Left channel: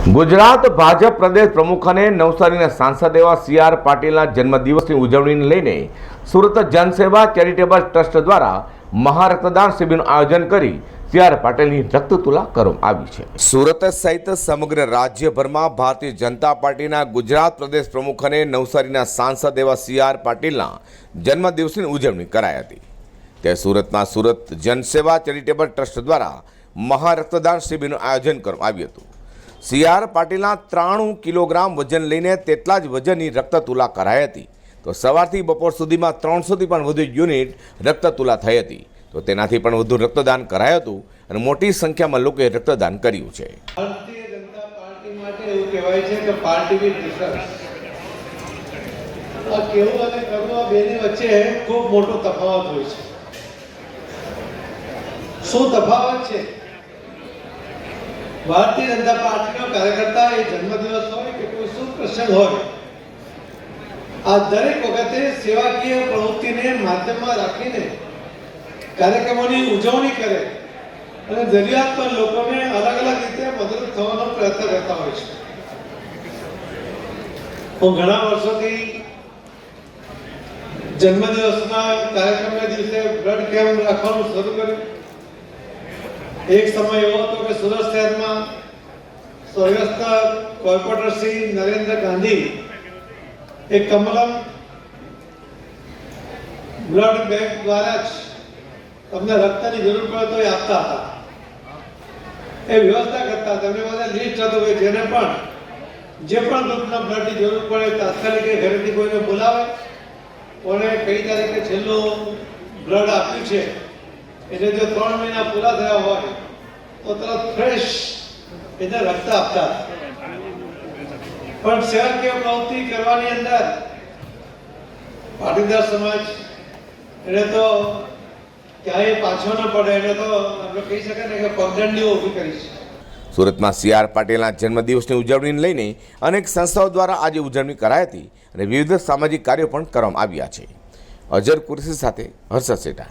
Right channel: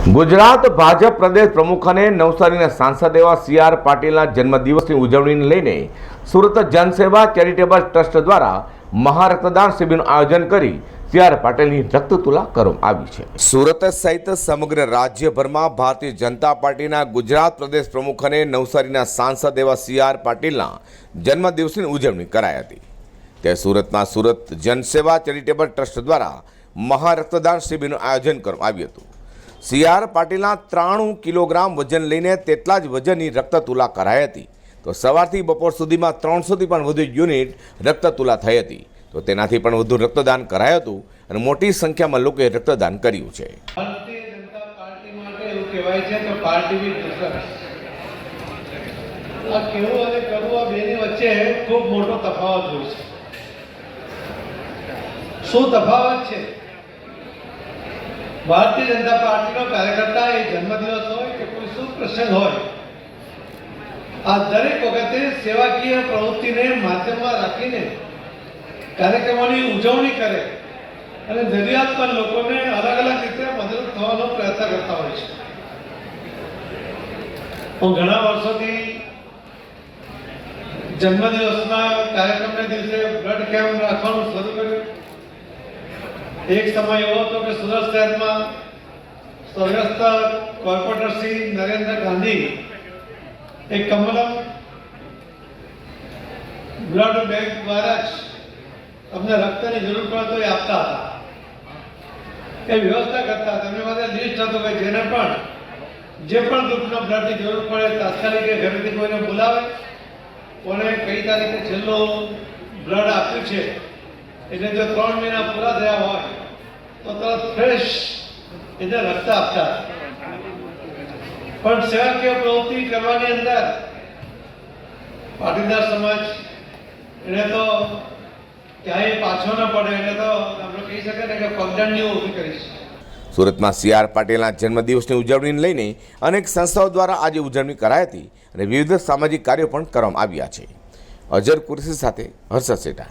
ગુજરાત ભાજપ પ્રદેશ પ્રમુખ અને નવસારીના સાંસદ એવા સી આર પાટીલના જન્મદિવસની ઉજવણીને લઈને સુરત જનસેવા ચેરિટેબલ ટ્રસ્ટ દ્વારા મહારક્તદાન શિબિરનું આયોજન કરી સી આર પાટીલની રક્તતુલા કરવામાં આવી છે. સુરત સહિત સમગ્ર રાજ્યભરમાં ભારતીય જનતા પાર્ટીના ગુજરાત પ્રદેશ પ્રમુખ નવસારીના સાંસદ એવા સી પાટીલના જન્મદિવસની ઉજવણી કરાઈ હતી. તે સુરતના સુરત જનસેવા ચેરિટેબલ ટ્રસ્ટ દ્વારા મહારક્તદાન શિબિરનું આયોજન કરવામાં આવ્યું હતું. સી આર પાટીલના ત્રાણું કિલોગ્રામ વજન લઈને તેટલા જ વજનની રક્તતુલા કરાઈ હતી. તો સવારથી બપોર સુધીમાં ત્રણસોથી પણ વધુ યુનિટ રક્તતુલા થઈ હતી. તો તેનાથી પણ વધુ રક્તદાન કરાયું હતું અને મોટી સંખ્યામાં લોકોએ રક્તદાન કર્યું છે. શું તફાવત છે? ભારતીય જનતા પાર્ટીનો કાર્યકર્તા એ જન્મદિવસ હોય કે કોઈ શુભ પ્રસંગ હોય. આ દરેક વખતે સેવાકીય પ્રવૃત્તિને માધ્યમમાં રાખીને કાર્યક્રમોની ઉજવણી કરે અને જરૂરિયાત પર લોકોને અલગ અલગ રીતે મદદ થવાનો પ્રયત્ન કરતા હોય છે. હું ઘણા વર્ષોથી જન્મદિવસના કાર્યક્રમના દિવસે બ્લડ કેમ્પ રાખવાનું શરૂ કર્યું. એક સમય એવો હતો કે સુરત શહેરમાં સ્વર્ગસ્થ કોર્પોરેટર શ્રી નરેન્દ્ર ગાંધી, એક કમલમ બ્લડ બેંક દ્વારા જ તમને રક્તની જરૂર પડે તો એ આપતા હતા. એ વ્યવસ્થા કરતા હતા. એમની પાસે લિસ્ટ હતો કે જેને પણ જે પણ ગ્રુપના બ્લડની જરૂર પડે તાત્કાલિક એ ઘરેથી કોઈને બોલાવે. કોને કઈ તારીખે છેલ્લું બ્લડ આપ્યું છે, એટલે જો ત્રણ મહિના પૂરા થયા હોય તો ફ્રેશ એને રક્ત આપતા. પણ સેવાકીય પ્રવૃત્તિ કરવાની અંદર પાટીદાર સમાજ એટલે તો ક્યાંય પાછો ન પડે એટલે તો આપણે કહી શકાય કે પગદંડીઓ ઊભી કરીશ. સુરતમાં સી આર પાટીલના જન્મદિવસની ઉજવણીને લઈને અનેક સંસ્થાઓ દ્વારા આજે ઉજવણી કરાઈ હતી અને વિવિધ સામાજિક કાર્યો પણ કરવામાં આવ્યા છે. અજર કુરશી સાથે હર્ષદ સેઠા